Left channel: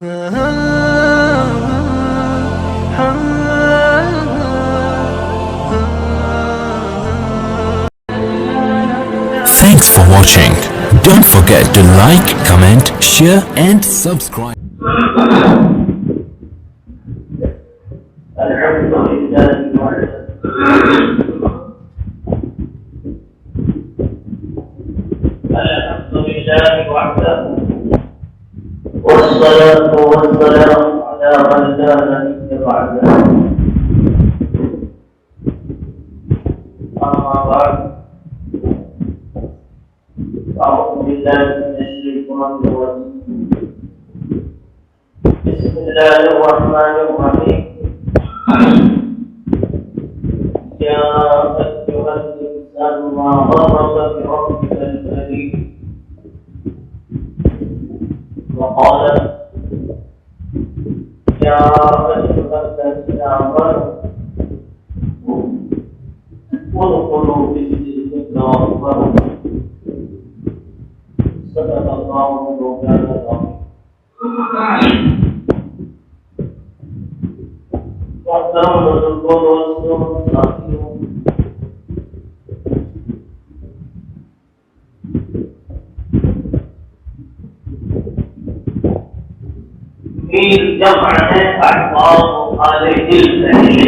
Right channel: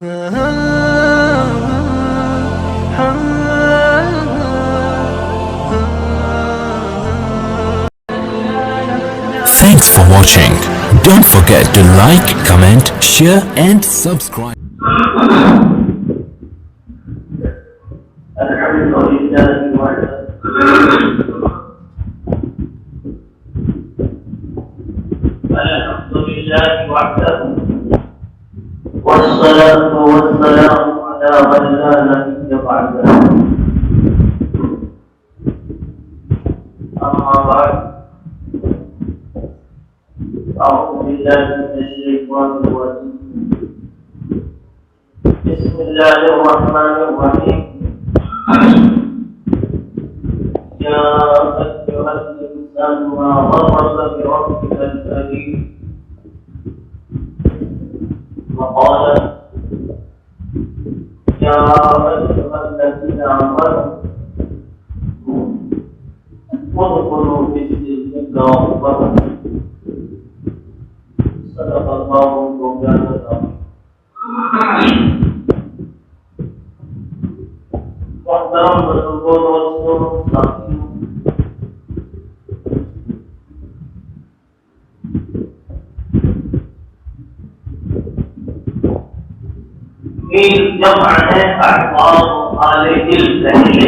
Thanks for watching. Don't forget to like, comment, share and subscribe. والصلاة والسلام على من لا نبي بعده. أما بعد، أعوذ بالله من الشيطان الرجيم. بسم الله الرحمن الرحيم. يا أيها الإنسان ما غرك بربك الكريم وقال يا أيها الذين آمنوا ادخلوا في السلم كافة. صدق الله مولانا العظيم. محترم بزرگوں، دوستوں، ساتھیوں، میر جمع ہے احباب والے دل رہے.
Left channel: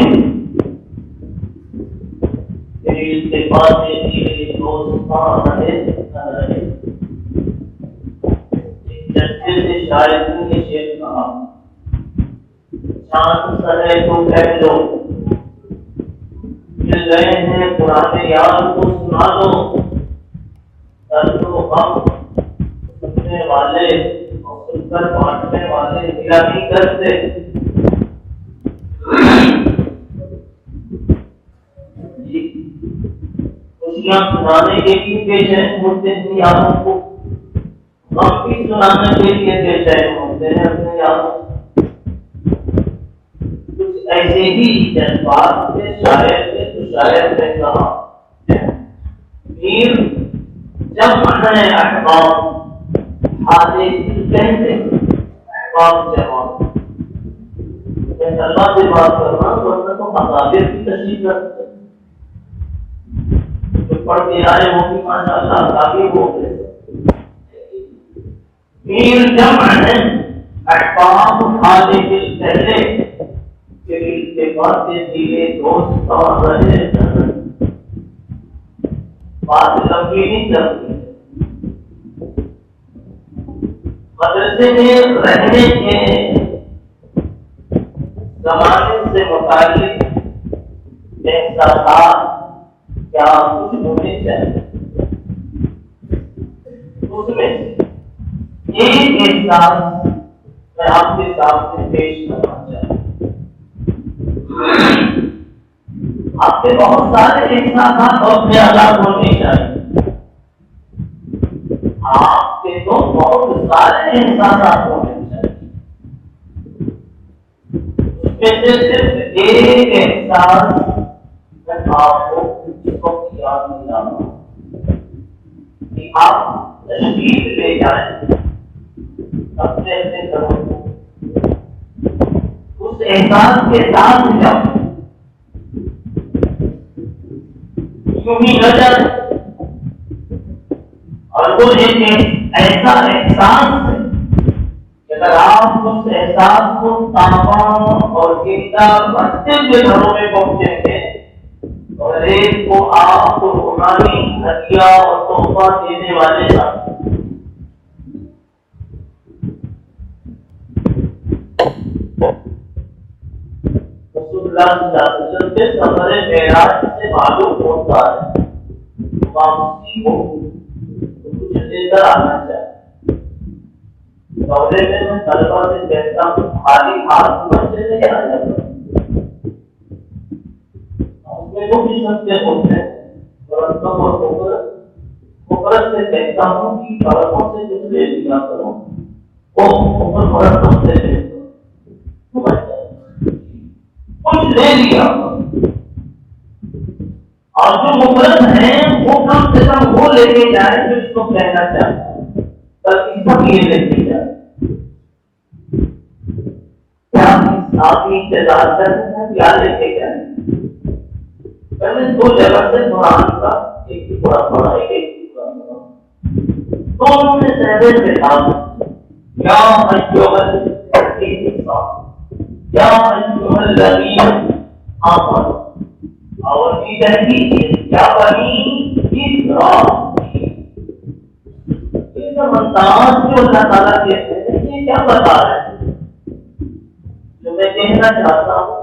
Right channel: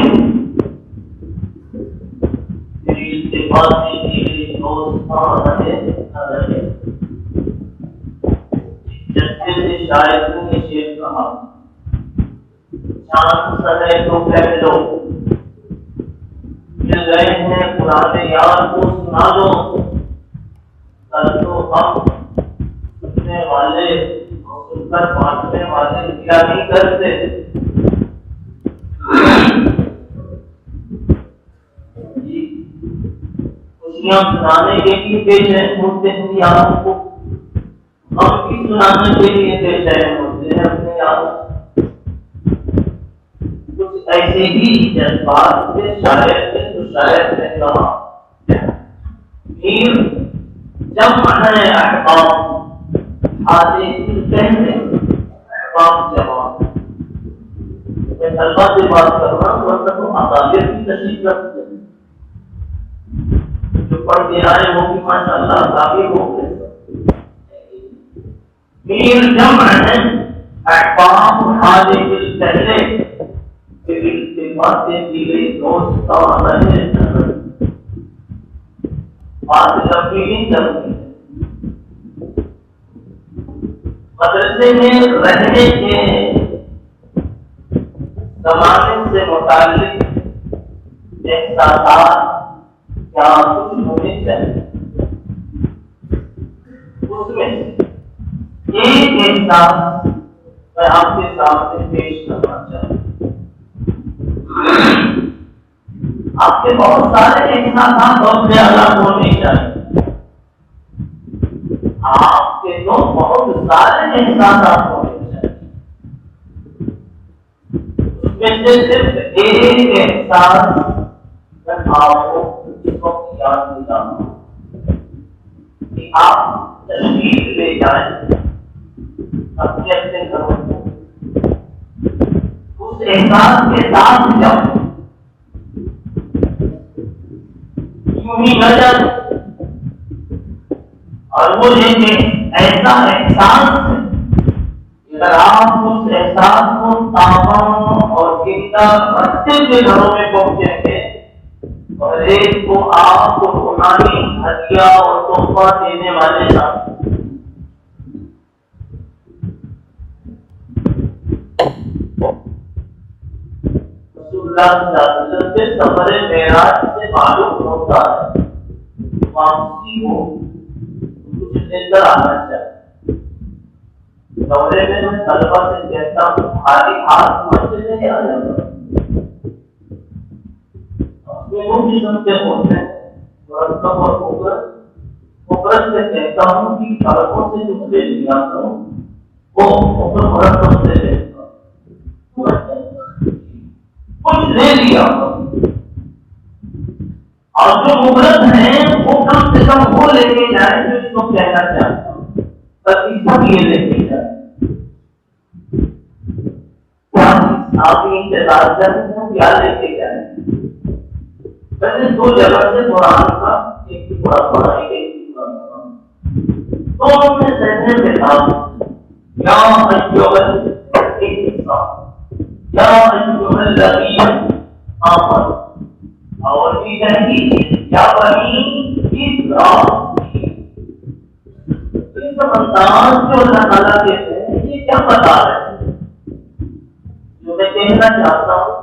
میری التفات میرے دوستان رہے نہ رہے. ججے سے شاید نے شیر کہا، چاند سرے تو کہہ لو، مل رہے ہیں پرانے یار کو سنا دو. کر دو ہم سننے والے سن کر بانٹنے والے کیا نہیں کرتے. خوشیاں سنانے کے لیے بے چین ہوتے ہیں آپ کو، غم بھی سنانے کے لیے بے چین ہوتے ہیں اپنے آپ. کچھ ایسے ہی جذبات سے شاعر نے تو شاعر نے کہا، میر جمع ہے احباب حاضر کہتے احباب جوان. میں طلبہ سے بات کر رہا ہوں، ورنہ تو مقابر کی تشریف رکھتے ہیں. جو پڑھ کے آئے وہ بھی ماشاء اللہ آگے ہو گئے. میر جمع ہے احباب حاضر پہلے پھر کے باتیں دلے دوستان رہے. بات لمبی نہیں کرتی. مدرسے میں رہنے کے زمانے سے متعلق احساسات کیا کچھ ہونے چاہیے. اس میں ایک احساس میں آپ کے سامنے پیش کرنا چاہتا ہوں. آپ کے بہت سارے احساسات اور خیالات ہونے چاہیے. آپ کے تو بہت سارے احساسات ہونے چاہیے. اس میں سے صرف ایک احساس میں آپ کو اس وقت یاد دلاتا ہوں کہ آپ تشریف لے جائیں اپنے اپنے گھروں کو. اس احساس کے ساتھ جب یوں ہی نہ جائے اور وہ ایک ایسا احساس ہے کہ اگر آپ اس احساس کو تمام اور زندہ بچے کے گھروں میں پہنچیں گے اور ایک کو آپ کو روحانی ہدیہ اور تحفہ دینے والے رسول اللہ صلی اللہ علیہ وسلم کے سفر معراج سے معلوم ہوتا ہے واپسی ہو اندر آنا چاہیے. دورے میں میں طلبہ سے کہتا ہوں خالی ہاتھ مسجد نہیں آ جاتا. وہ بھی سمجھتے ہوتے ہیں مرتب اور خوبرت سے کہتا ہوں کہ سڑکوں سے جو لے لیا کرو وہ مرتب سے لیتا کچھ لے لیا اور جو خوبرت ہے وہ کم سے کم وہ لے کے جائے جو اس کو کہنا چاہتا ہوں. بس اس پر یہ لے کے جائے آپ بھی انتظار کر رہے ہیں کیا لے کے جائیں. میں نے 2 جگہ سے قرآن کا ایک ہی پڑھا پڑھا ایک دونوں میں سہنے سے تھا یا ایوہ الذین آمنوا اور بھی کہیں یا بنی اسرائیل. یہ سب انداز جو اللہ تعالیٰ کہتے ہیں یہ کیا بتا رہے ہیں؟ جو میں کہنا چاہتا ہوں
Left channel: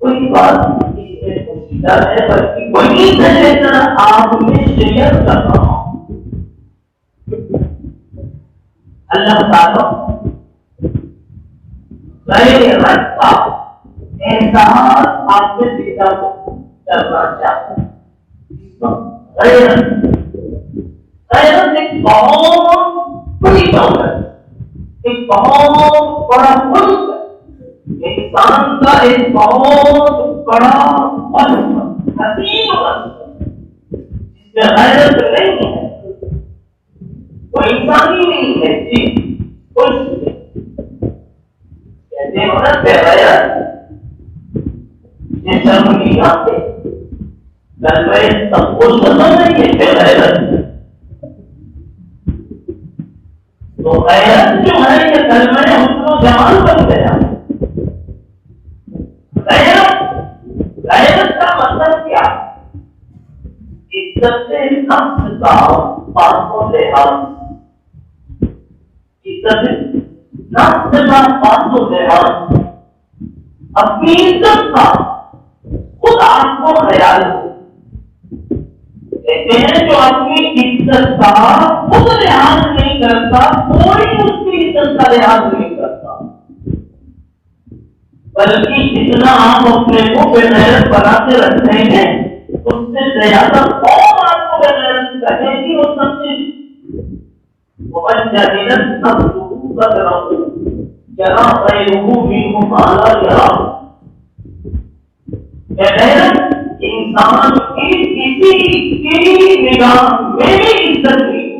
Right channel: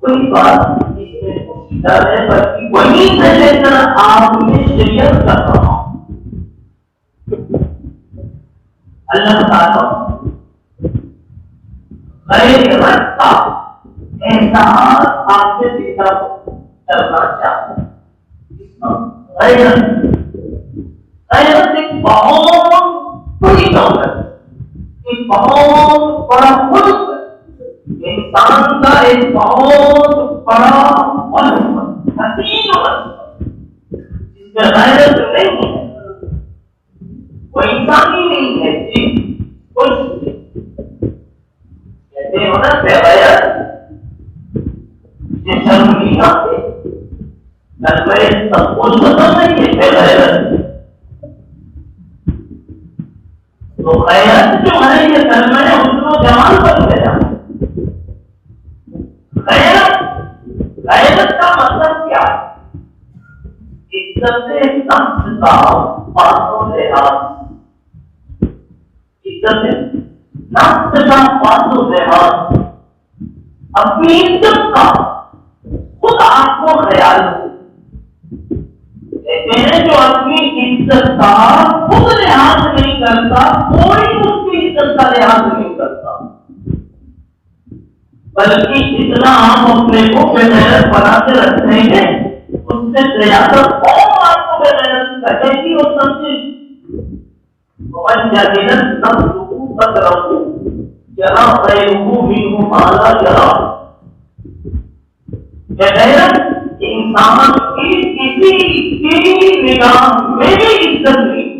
کوئی بات اس میں پوچھتا ہے بلکہ وہی سے لے کر آپ میں شیئر کر رہا ہوں. اللہ تعالیٰ غیر رکھتا احساس آپ میں دیتا کرنا چاہتا ہے. غیرت ایک بہت بڑی دولت, ایک بہت بڑا ملک, انسان کا ایک بہت بڑا ملک, حسین ملک جس میں غیرت نہیں ہے, وہ انسانی نہیں ہے. جی کچھ کہتے ہو نا بغیر یہ شرم نہیں آتے, سب کچھ ختم نہیں ہے بغیر. تو غیرت جو ہے یہ کلمہ ہے اس کو جمال بن گیا. غیرت کا مطلب کیا؟ عزت سے نفس کا پاسوں لحاظ, عزت سے نفس کا پاسوں لحاظ, اپنی عزت کا خود آپ کو خیال ہو. کہتے ہیں جو اپنی عزت کا خود لحاظ نہیں کرتا کوئی اس کی عزت کا لحاظ نہیں کرتا, بلکہ جتنا آپ اپنے کو بے غیرت بنا کے رکھیں گے اس سے زیادہ قوم آپ کو بے غیرت کہے گی اور سمجھے جہنم سب سکوت رکھو جرا غیرہ منہ مالا جرا. بے غیرت انسان کی کسی کی نگاہ میں بھی عزت نہیں,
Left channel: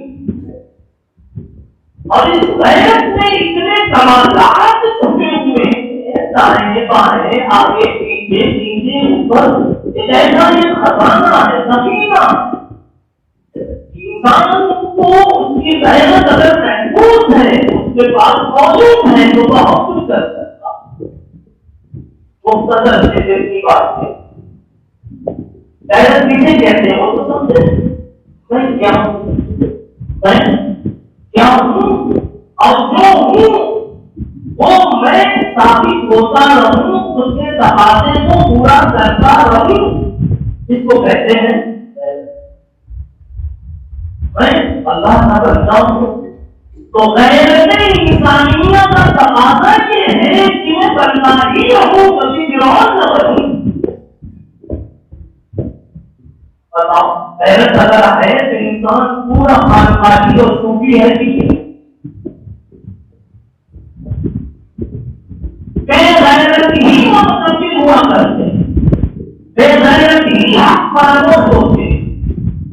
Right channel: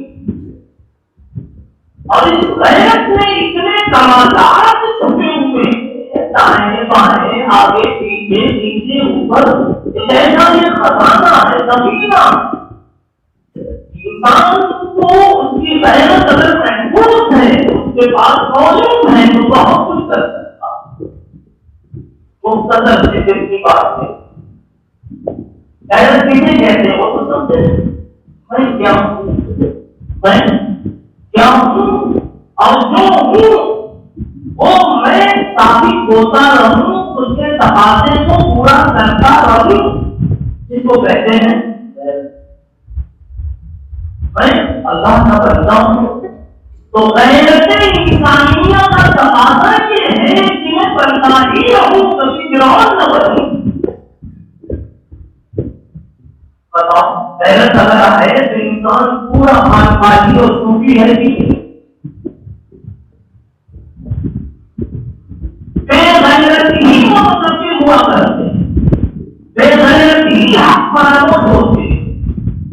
اور اس غیرت میں اتنے کمالات چھپے ہوئے ہیں, دائیں بائیں آگے پیچھے نیچے اوپر, جیسا یہ خزانہ ہے سفینہ. انسان کو اس کی غیرت اگر محفوظ ہے, اس کے پاس موجود ہے تو بہت کچھ کر سکتا. مختصر سے دل کی بات ہے. غیرت کسے کہتے ہو تو سمجھے میں کیا ہوں, میں کیا ہوں اور جو ہوں وہ میں ثابت ہوتا رہوں, اس کے تقاضے کو پورا کرتا رہوں, جس کو کہتے ہیں میں اللہ کا بندہ ہوں. تو غیرت انسانیت کا تقاضا یہ ہے کہ میں بندہ ہی رہوں, کبھی گران نہ بنوں. بتاؤ غیرت اگر ہے تو انسان پورا خانقاہی اور صوفی ہے کہ بے غیرت ہی متفق ہوا کرتے, بے غیرت ہی حق پرست ہوتے,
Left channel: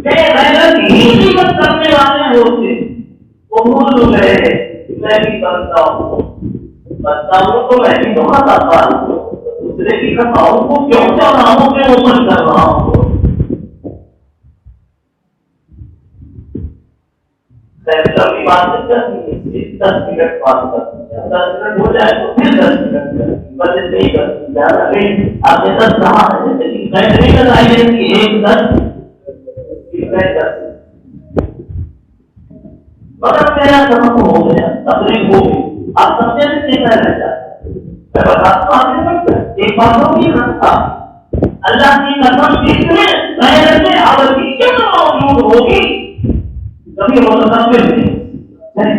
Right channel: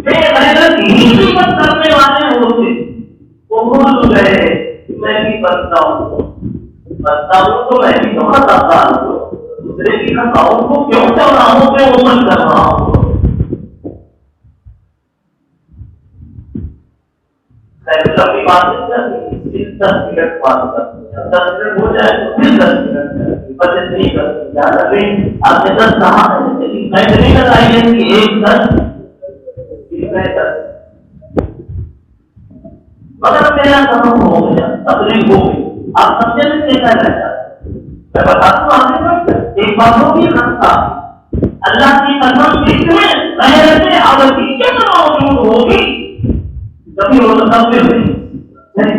بے غیرت ہی قیمت کرنے والے ہوتے. وہ بھول گئے میں بھی بنتا ہوں تو میں بھی تو خطاتا ہوں, دوسرے کی خطاؤں کو کیوں چوراہوں پہ عمل کر رہا ہوں. لمبی بات نہیں 10 منٹ بات کرتے ہیں, 10 منٹ ہو جائے تو پھر 10 منٹ کرتے بس نہیں کرتے. آپ نے 10 کہا ہے لیکن میں نہیں بتائیے کہ 1 10 مگر میرا کام ہو گیا تبلیغ ہو گئی. آپ سمجھے میں کہنا رہتا ہے میں بتاتا ہوں ایک بات ہوگی رکھتا اللہ کی قسم جس میں غیرت ابدیت موجود ہوگی کبھی وہ تو سب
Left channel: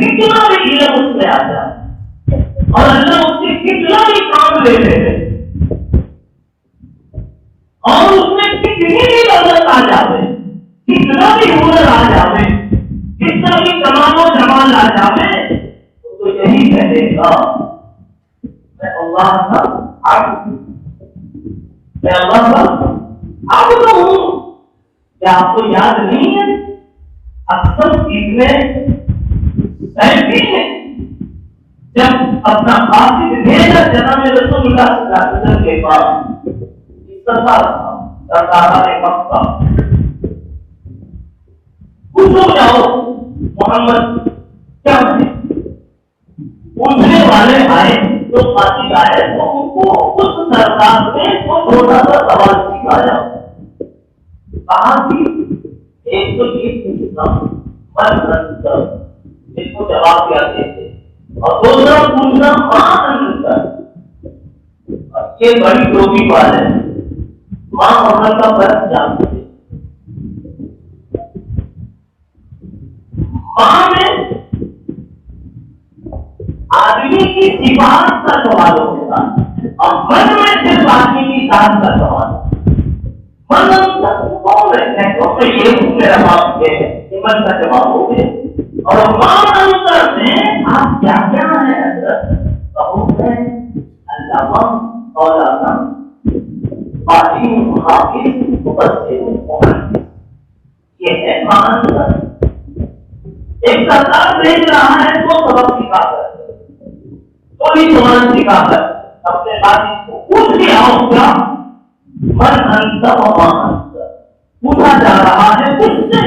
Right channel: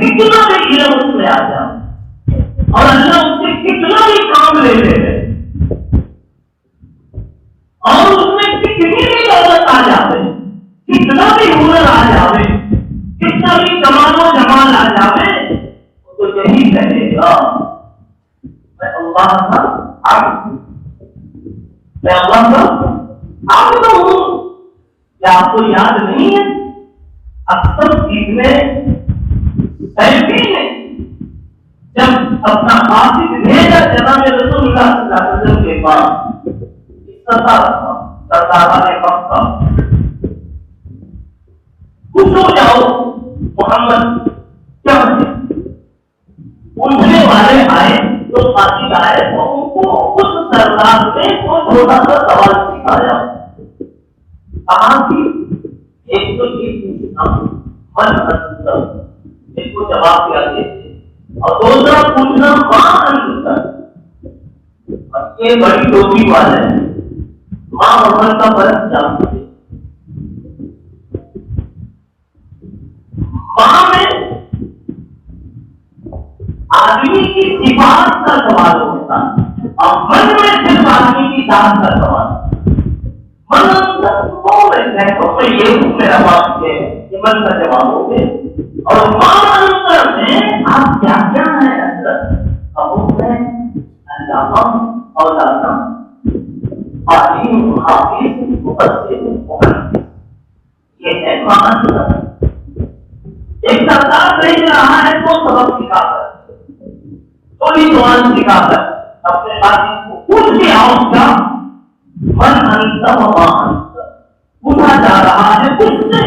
کتنا بھی علم اس میں آ جائے اور اللہ اس سے کتنا بھی کام لے لے اور اس میں کتنی بھی دولت آ جائے, کتنا بھی ہنر آ جائے, کتنا بھی کمال و جمال آ جائے, تو یہی کہے گا میں اللہ کا عبد, میں اللہ کا عبد ہوں. کیا آپ کو یاد نہیں ہے اکثر سیکھنے سیلفی میں جب اپنا قاصد بھیجا جناب رسول اللہ صلی اللہ علیہ وسلم کے پاس سرکار مکہ پوچھو جاؤ محمد کیا ہے؟ پوچھنے والے آئے تو قاصد آئے تو ان کو اس سرکار نے وہ چھوٹا سا سوال سکھایا کہاں کی ایک تو یہ پوچھنا من منتر ایک کو جواب دیا دیتے اور دوسرا پوچھنا ماں انتر یہ بڑی ٹوپی والے ماں محمد کا فرق جانتے ماں میں آدمی کی صفات کا سوال ہوتا اور من میں صرف آدمی کی ذات کا سوال من انتر یہ میرا باپ ہے یہ من کا جواب ہو گیا اور ماں انتر میں آپ کیا کیا ہے حضرت کہو ہے علامہ مولانا عالم حافظ مفسر محدث یہ ہے ماں انتر ایک سرکار بھیج رہا ہے وہ سبق سکھا کر کوئی زبان سکھا کر اپنے عالم کو پوچھ کے آؤ کیا من انتر و ماں انتر پوچھا جا رہا ہے کچھ سے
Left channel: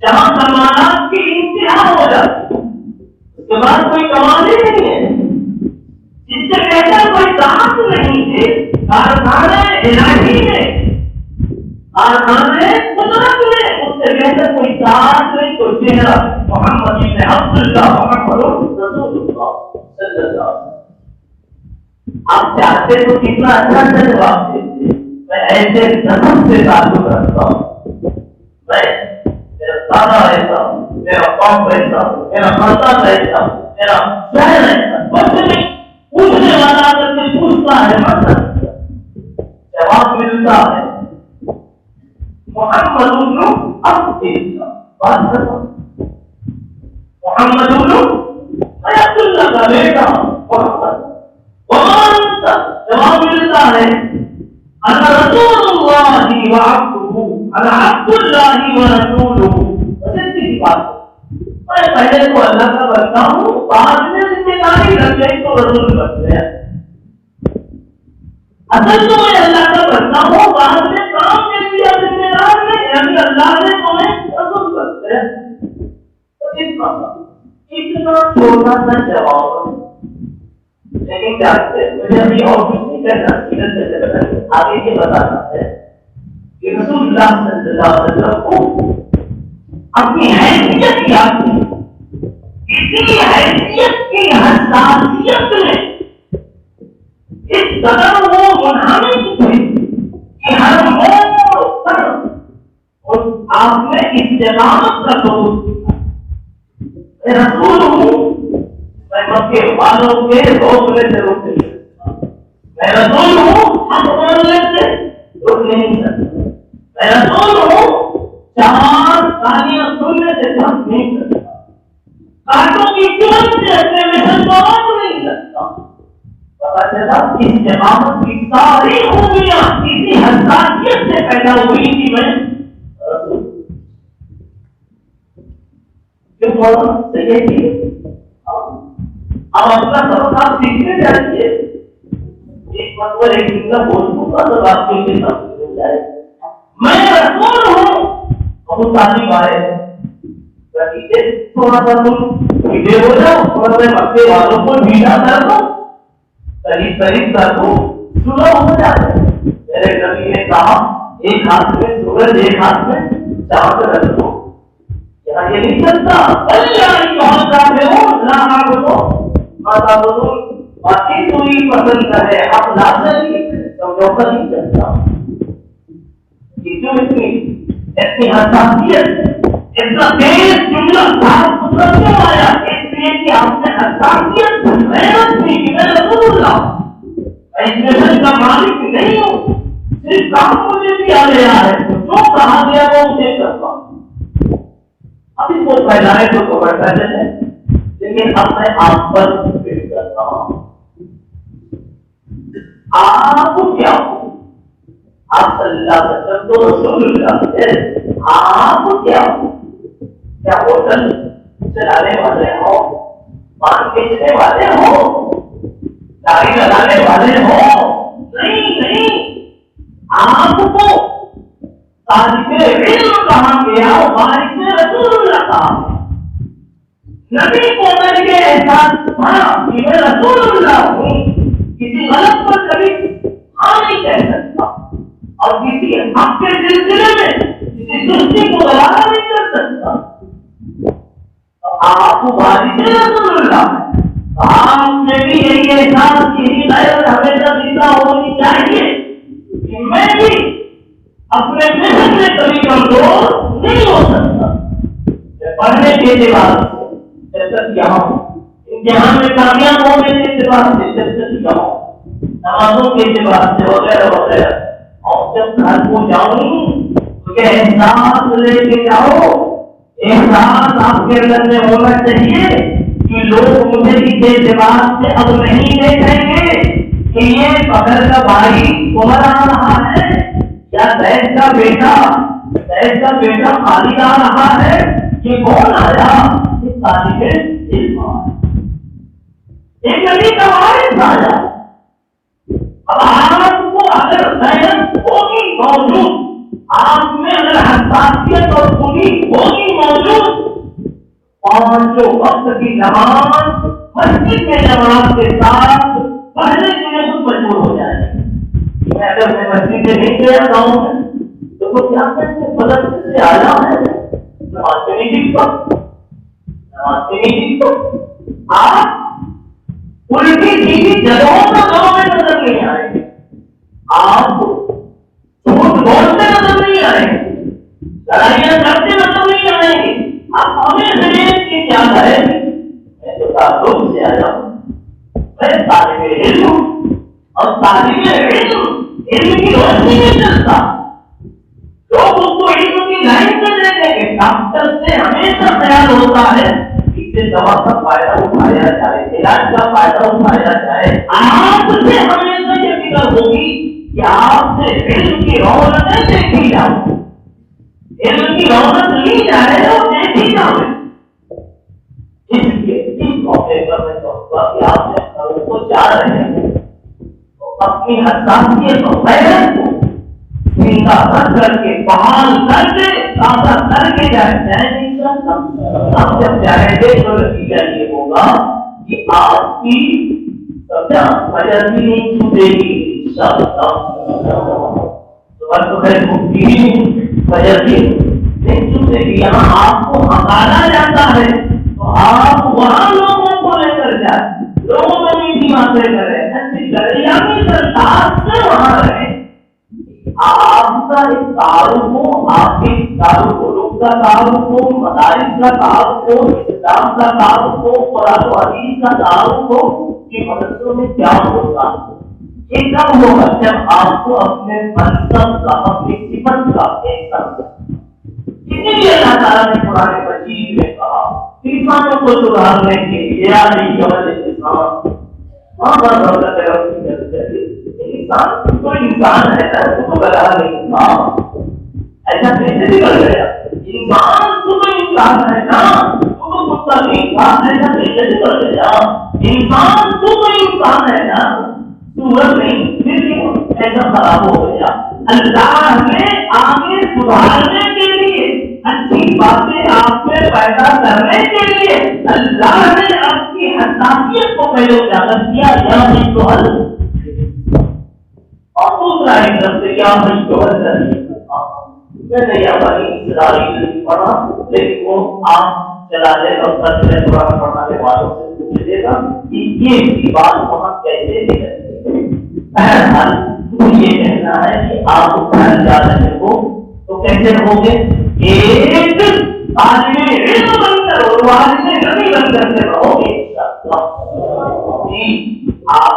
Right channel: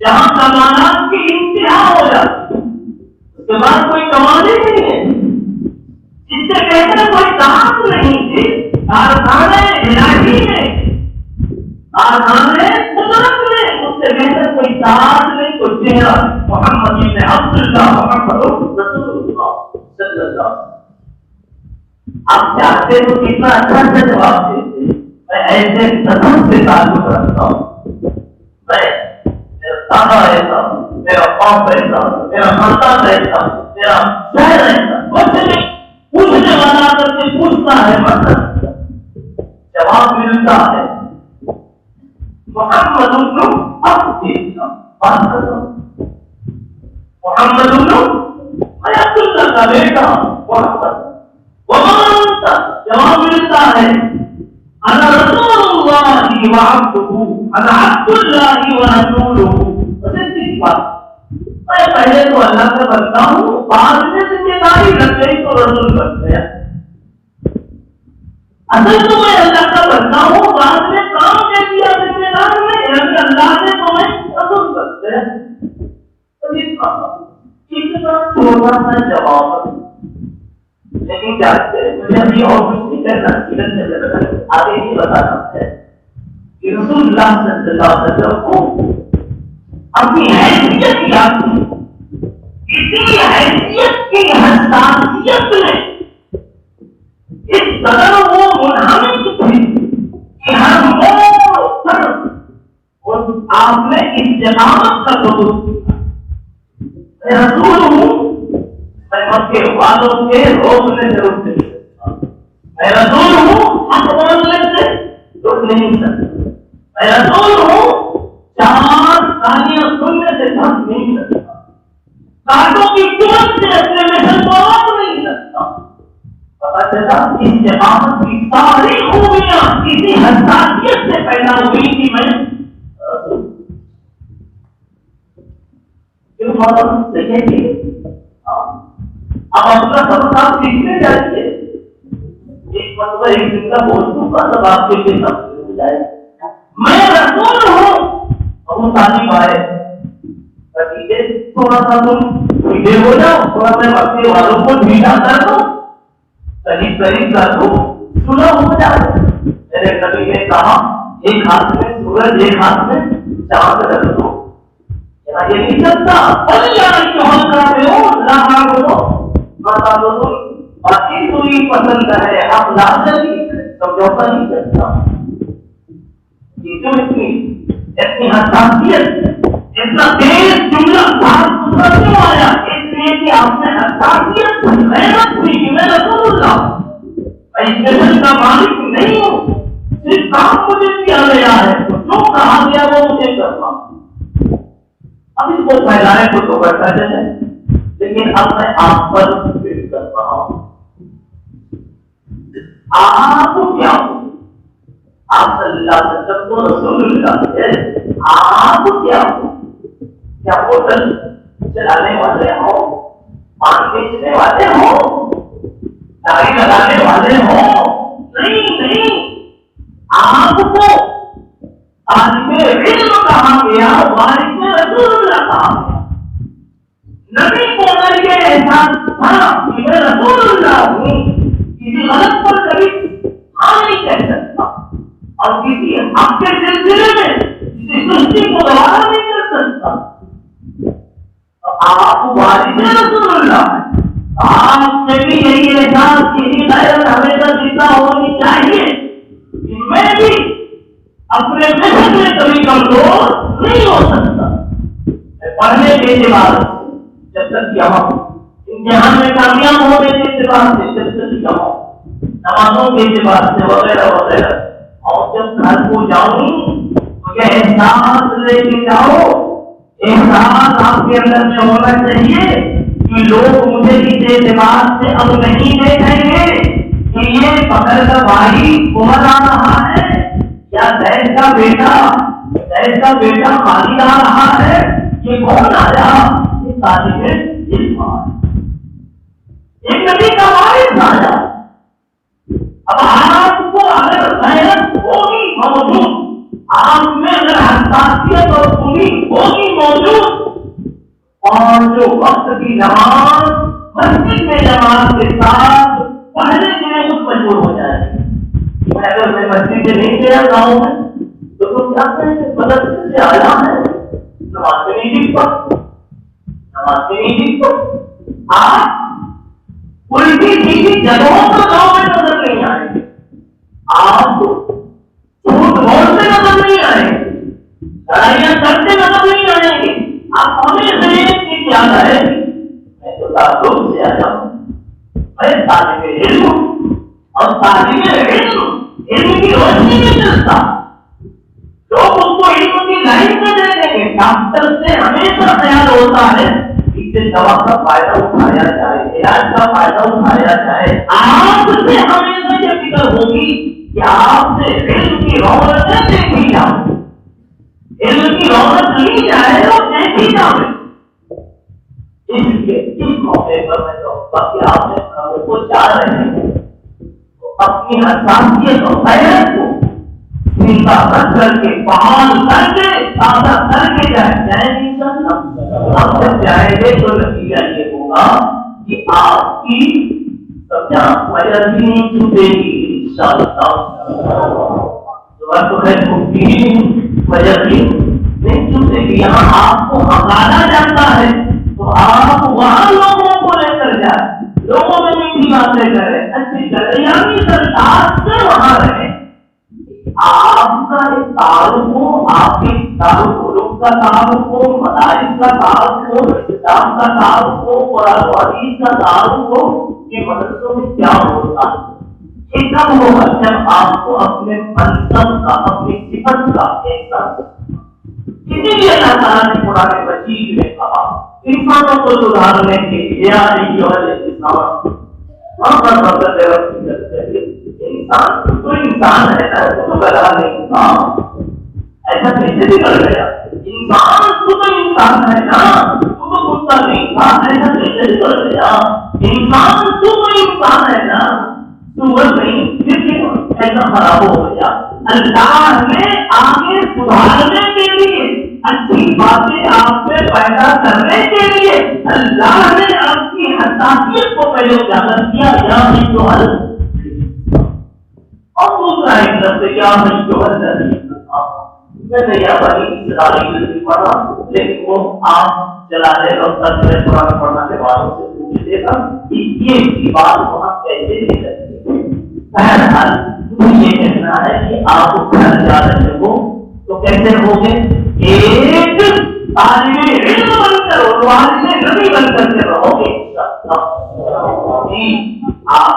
جہاں کمالات کی انتہا ہو جاتی اس کے بعد کوئی کمال ہی نہیں ہے جس سے بہتر کوئی ذات نہیں تھی کارخانے الہی میں کارخانے قدرت میں اس سے بہتر کوئی ذات نہیں کوئی چہرہ محمد ابن عبداللہ محمد رسول اللہ صلی اللہ علیہ وسلم آپ چاہتے تو کتنا اچھا سے جواب دیتے میں ایسے نسب سے تعلق رکھتا ہوں میں دادا ایسا میرا باپ ایسا میرا خاندان ایسا میرا شہر ایسا کچھ نہیں پوچھنے والا کر کے پوچھتا ہے مطلب جواب ملتا ہے محمد بات کرتا محمد اللہ کا بیٹا محمد جواب ملتا ہے انا رسول اللہ وعبدہ انا عبد اللہ ورسولہ میں پہلے تو اللہ کا کرتا ہوں بعد میں ذمہ داری لگ گئی تو رسول کرتے ہیں اصل تو میں اللہ کا کرتا ہوں بعد میں کام دے دیا ذمہ دار میں یعنی اللہ نے تمہیں رسول کرتے ہیں اتنا چھوٹا سا جواب لیکن کیا مجھے ابھی اور کچھ نہیں کرنا آگے یہ بتانا ہے کہ رسول اللہ صلی اللہ علیہ وسلم کو اپنی حیثیت یاد تھی اسی حیثیت کی حساسیت میں اس قدر وہ منہمک تھے کہ ہر موڑ پر آپ نے استقامت کا ثبوت دیا میں رسول ہوں میں مکے والوں کے روکنے سے روک نہیں سکتا میں رسول ہوں حق بولنے سے روک نہیں سکتا میں رسول ہوں چار کہانیاں سننے سے تھک نہیں سکتا کانٹوں کی چمک سے اپنے محل کو روک نہیں سکتا پتہ چلا استقامت کی ساری خوبیاں کسی حساسیت سے پیدا ہوئی تھی میں پھر بہت صحیح تھی اب اپنا سبق آپ سیکھنے جائیے ایک مرتبہ ایک دن کا بولوں گا سب آپ کے لیے سب ہو جائے میں رسول ہوں ابو طالب آئے تھوڑا سا تم پیڑے ہو جاؤ تھوڑا سا مکے والوں کو ڈھیلا کر دو قریب قریب کر دو سنا ہو جائے میرے نبی نے کہا ایک ہاتھ میں سورج ایک ہاتھ میں چاند رکھ دو یہاں یہ نہیں چلتا باقی تو ہی پسند ہے آپ لاتے سمجھوتا نہیں چلتا یہ جو اتنی حساسیت اتنا تیز جملہ صاف ستھرا کیوں آیا اس لیے کہ آپ نے حساسیت محنت کی کہ میں رسول اللہ میں اسٹیشن کا مالک نہیں ہوں صرف کام مجھے دیا گیا ہے تو جو کہا گیا وہ مجھے کرنا اب اس کو پھیلائے تو بیٹھا جائے لیکن اب میں آپ پر پیش کر رہا ہوں آپ کیا ہو آپ صلی اللہ علیہ وسلم تو رسول اللہ ہے آپ کیا ہو کیا ہوٹل چلانے والے ہو پان کے بیچنے والے ہو، داڑھی لگانے والے ہو، نہیں، آپ کو طالب علم کہا گیا، وارث رسول اللہ کہا گیا۔ نبی کو اگر یہ احساس تھا کہ میں رسول اللہ ہوں، کسی غلط پر کبھی ہاں نہیں کہہ سکتا، اور کسی حق کے سلسلے میں کسی سستی کو دوبارہ نہیں کر سکتا، تو آپ وارث رسول اللہ ہیں۔ آپ میں بھی یہی احساس، یہی غیرت ہمیشہ زندہ ہونی چاہیے کہ میں بھی اپنے محنت میں کبھی کمزور نہیں ہو سکتا۔ پڑھنے کے اعتبار سے جب تک یہاں امتحان میں کامیاب ہونے کے اعتبار سے جب تک یہاں، نمازوں کے اعتبار سے وغیرہ وغیرہ، اور جب گھر کو جاؤں تو یہ احساس لے کے جاؤ، احساس آپ کے اندر میں ہونا چاہیے کہ لوگ مجھے اس اعتبار سے اب نہیں دیکھیں گے کہ یہ فخر کا بھائی کون آ رہا ہے، یا زید کا بیٹا خالد آ رہا ہے، یہ کون آیا، یہ طالب علم ایک نبی کا وارث آیا۔ اب آپ کو اگر غیرت ہوگی موجود، آپ میں اگر حساسیت اور پوری ہوگی موجود، پانچوں وقت کی نماز مسجد میں جماعت کے ساتھ پڑھنے کے لیے خود مجبور ہو جائے گی۔ اگر میں مسجد میں نہیں گیا گاؤں میں تو وہ کیا کہیں کہ مدرسے سے آیا ہے، نماز میں نہیں جیت پا، آپ الٹی سیدھی جگہوں پر گاؤں میں نظر نہیں آئے گے، آپ جھوٹ بولتے نظر نہیں آئیں گے، لڑائیاں کرتے نظر نہیں آئیں گے، آپ ہمیں کی کیا ہے، میں تو تعلق سے آیا ہوں، میں طالب علم ہوں، اور طالب علم کی روشنی نہیں چلتا، لوگ اس کو علم کی لائن میں دے دیں گے۔ ڈاکٹر سے ہمیشہ خیال ہوتا ہے اس سے دوا کا فائدہ اٹھایا جائے، علاج کا فائدہ اٹھایا جائے۔ آپ سے ہمیشہ یہ فکر ہوگی کہ آپ سے علم کی رونقیں دیکھی جائیں، علم کی رونق لی جائے اور دیکھی جائے۔ اس موقع پر میں کہوں گا کہ آپ نے لوگوں کو چاہ رہے ہیں تو اپنی حساسیت اور غیرت کو زندہ رکھ کر کے، بحال کر کے، تازہ کر کے جائے آپ سے چاہے تو نتیجہ یہ ہوگا کہ آپ کی وجہ بھی نہیں چھوٹے گی، انشاءاللہ وجہ بھی نہیں چھوٹے گی۔ یہاں آپ کو ہکانا جاتا ہے تو آپ وہاں لوگوں کو لے کر جائیں، لوگوں میں میٹھی باتیں کریں، اچھی کریں، یعنی سرکار سے وہاں رہیں۔ آپ کا ایک تعارف ہو، آپ کے تعارف علوم کا تعارف ہو، مدارس کا تعارف ہو، اسلام کا تعارف ہو، قرآن و حدیث کا تعارف ہو کہ مدرسوں میں کیا ہوتا ہے، یہ کب ہوگا جب آپ کو اپنے منصب کا، اپنی صفت کا احساس۔ اسی لیے اللہ تعالیٰ نے قرآن مجید میں کہا انسانوں کو سدھارنے کے لیے انسان تو انسان ہے نا، تو گلا نہیں تھا، ایسا کیسے نکل گیا؟ انسان تو انسان ہے نا، تو کتا نہیں تھا، ایسا کیسے نکل گیا؟ انسان تو انسان ہے نا، سورج نہیں، لیکن ایسا خراب ہو گیا۔ اللہ نے آگے سدھارنے کے لیے، اچھی باتیں آپ میں پیدا کرنے کے لیے اللہ نے آپ کی حساسیت کو پہلے اجاگر کیا، یا نہیں تو حل، اور دوسرا ایک لفظ یا نہیں تو حل نہیں۔ میں نے یا بنی اسرائیل کی پڑھا، لیکن وہ عام چلانے اور ترجمے قرآن پڑھنے والوں سے پوچھ دے گا کہ یہ بات وہاں کیسے نکلتی ہے۔ بہرحال مجھے یہ کہنا ہے کہ آپ گھر جا رہے ہو تو کیسے ہوگے؟ ایک طالب علم بن کر اور والد نبی بن کر کے رہو گے۔ جی آپ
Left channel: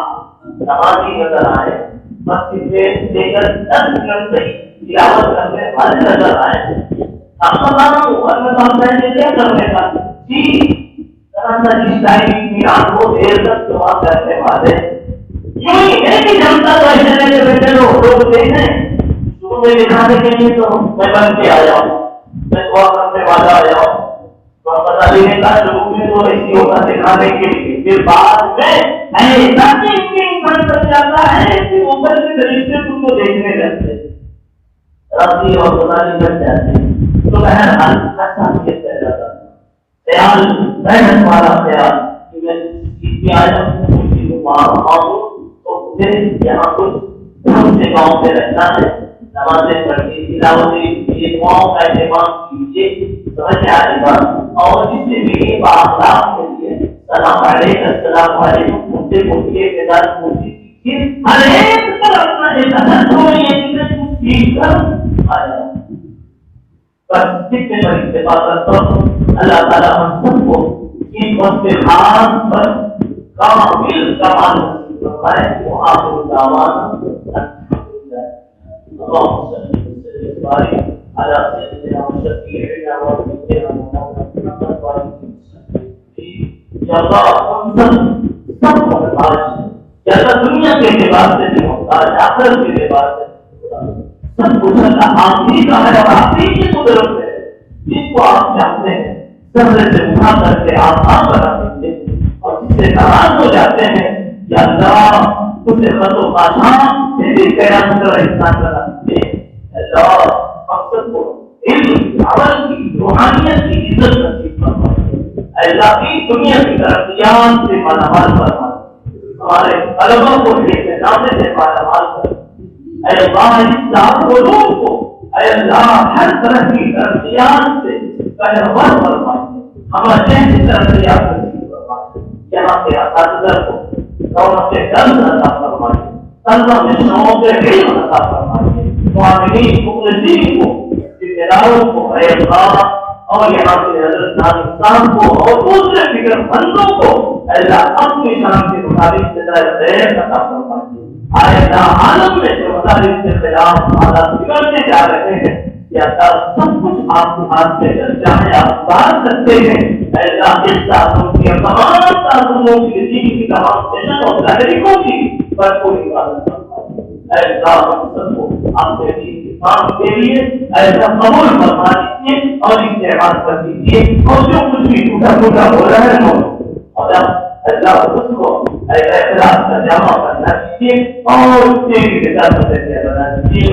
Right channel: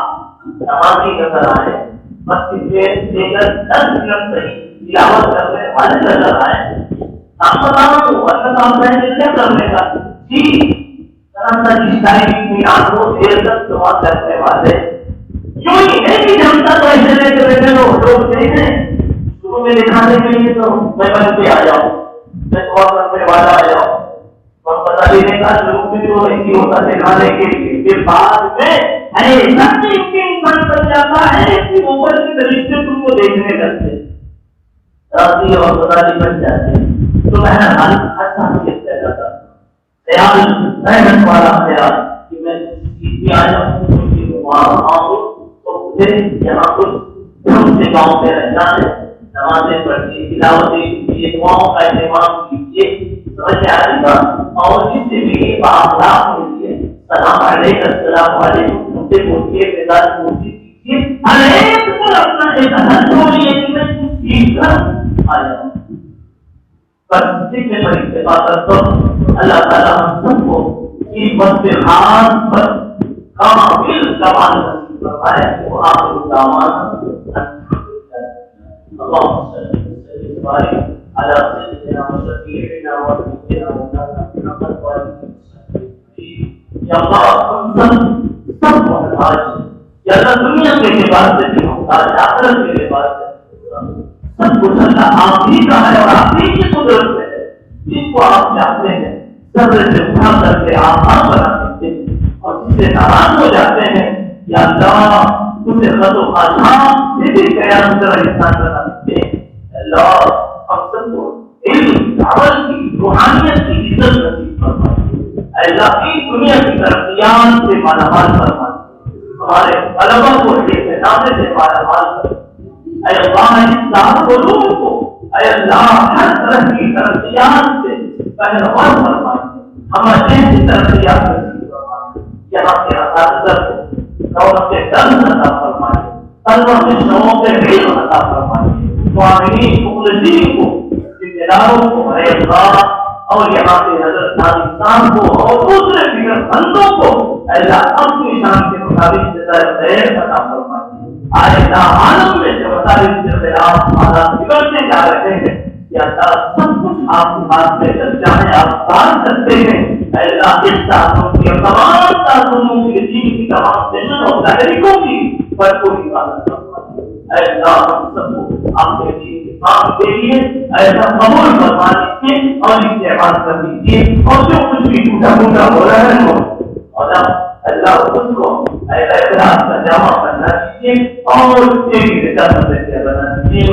نمازی نظر آئے، مسجد سے لے کر 10 منٹ تک تلاوت کرنے والے نظر آئے، آپ بتانا اوپر کا کام کرنے کیا کرنے کا؟ جی میران کو دیر تک دعا کرنے والے کیوں ہی ہے کہ جب تک ایسے لے کے بیٹھے لوگ دیکھیں شروع میں دکھانے کے لیے تو میں بن کے آ جاؤں، میں دعا کرنے والا آ جاؤں، اور بتا دینے کا شروع میں تو ایسی ہوتا دکھانے کے لیے کے بعد میں ایسا یقین بن جاتا ہے کہ اوپر کے فرشتے تم کو دیکھنے لگتے راضی اور راضی بن جاتے ہیں. تو بہرحال ایسا کہہ جاتا خیال محنت والا خیال کہ میں کی آیا تو مجھے یہاں کچھ ہم سے گاؤں پہ رہنا ہے نمازیں پڑھیے تلاوتیں کیجیے دعاؤں کا اہتمام کیجیے سمجھ آ رہی بات اور جس سے بھی باخلاق ملیے سلام علیکم السلام علیکم مجھے پوچھیے میدان پوچھی کیجیے ہر ایک پر اپنا ایک اثر چھوڑیے کہ میں کچھ سیکھ کر آ جاؤں بس جتنے بڑی سے بات کرتا ہوں اللہ تعالیٰ ہم سب کو اس وقت خاص پر کامل کمال نصیب فرمائے وہ آخر الدعوان اللهم صل وسلم وبارك على سيدنا وشفيعنا ونبينا محمد وعلى اله یا اللہ ہم سب محتاج یا اللہ دنیا کے اعتبار سے بھی محتاج آخرت کے اعتبار سے سب کچھ اللہ آپ ہی کا ہے اور آپ ہی کی قدرت ہے جس کو آپ چاہتے ہیں ذرے سے اٹھا کر کے آسان بنا دیتے ہیں اور جس سے ناراض ہو جاتے ہیں یا اللہ اسے خط و خاشام سے بھی قیام کر انسان بنا دیتے ہیں. اللہ ہم سب کو علم عمل کی روحانیت کی عزت نصیب فرمائے. اللہ کی دنیا کی ترقیات سے مالا مال فرمائے. ہمارے علماء کو اعتماد سے مالا مال فرمائے. اے اللہ اسلام علوم کو اے اللہ ہر طرح کی ترقیات سے پہلوان فرمائے. ہمارے جیسی ترقیات نصیب فرمائے. یہاں کے اساتذہ کو دولت کے درد عطا فرمائے. طلبہ مشنوں کے علم عطا فرمائے. معاملین مخلصین کو ذمہ داروں کو اے اللہ اور یہاں کے حضرت ناظرین کو اور دوسرے فکر مندوں کو اللہ اپنی شان کے مطابق جزائے خیر عطا فرمائے. آئندہ عالم میں جو مطالب کے خلاف حالات بگڑتے جا رہے ہیں یا سب کچھ آپ کے ہاتھ میں چاہے آپ کار سکتے ہیں. اللہ اس تعلق کے تمام تعلقوں کی دین کی تمام پیشن اور تحریکوں کی بھرپور حفاظت فرمائے. اللہ ہم سب کو آپ کے دین کے کام کے لیے ایسا قبول فرما لیجیے اور استعمال کر دیجیے اور جو کچھ بھی ٹوٹا پھوٹا ہو رہا ہے اور اللہ اس کو ایسا اخلاص کا جامع کرنا چاہیے اور تیری رضا بنا دیجیے.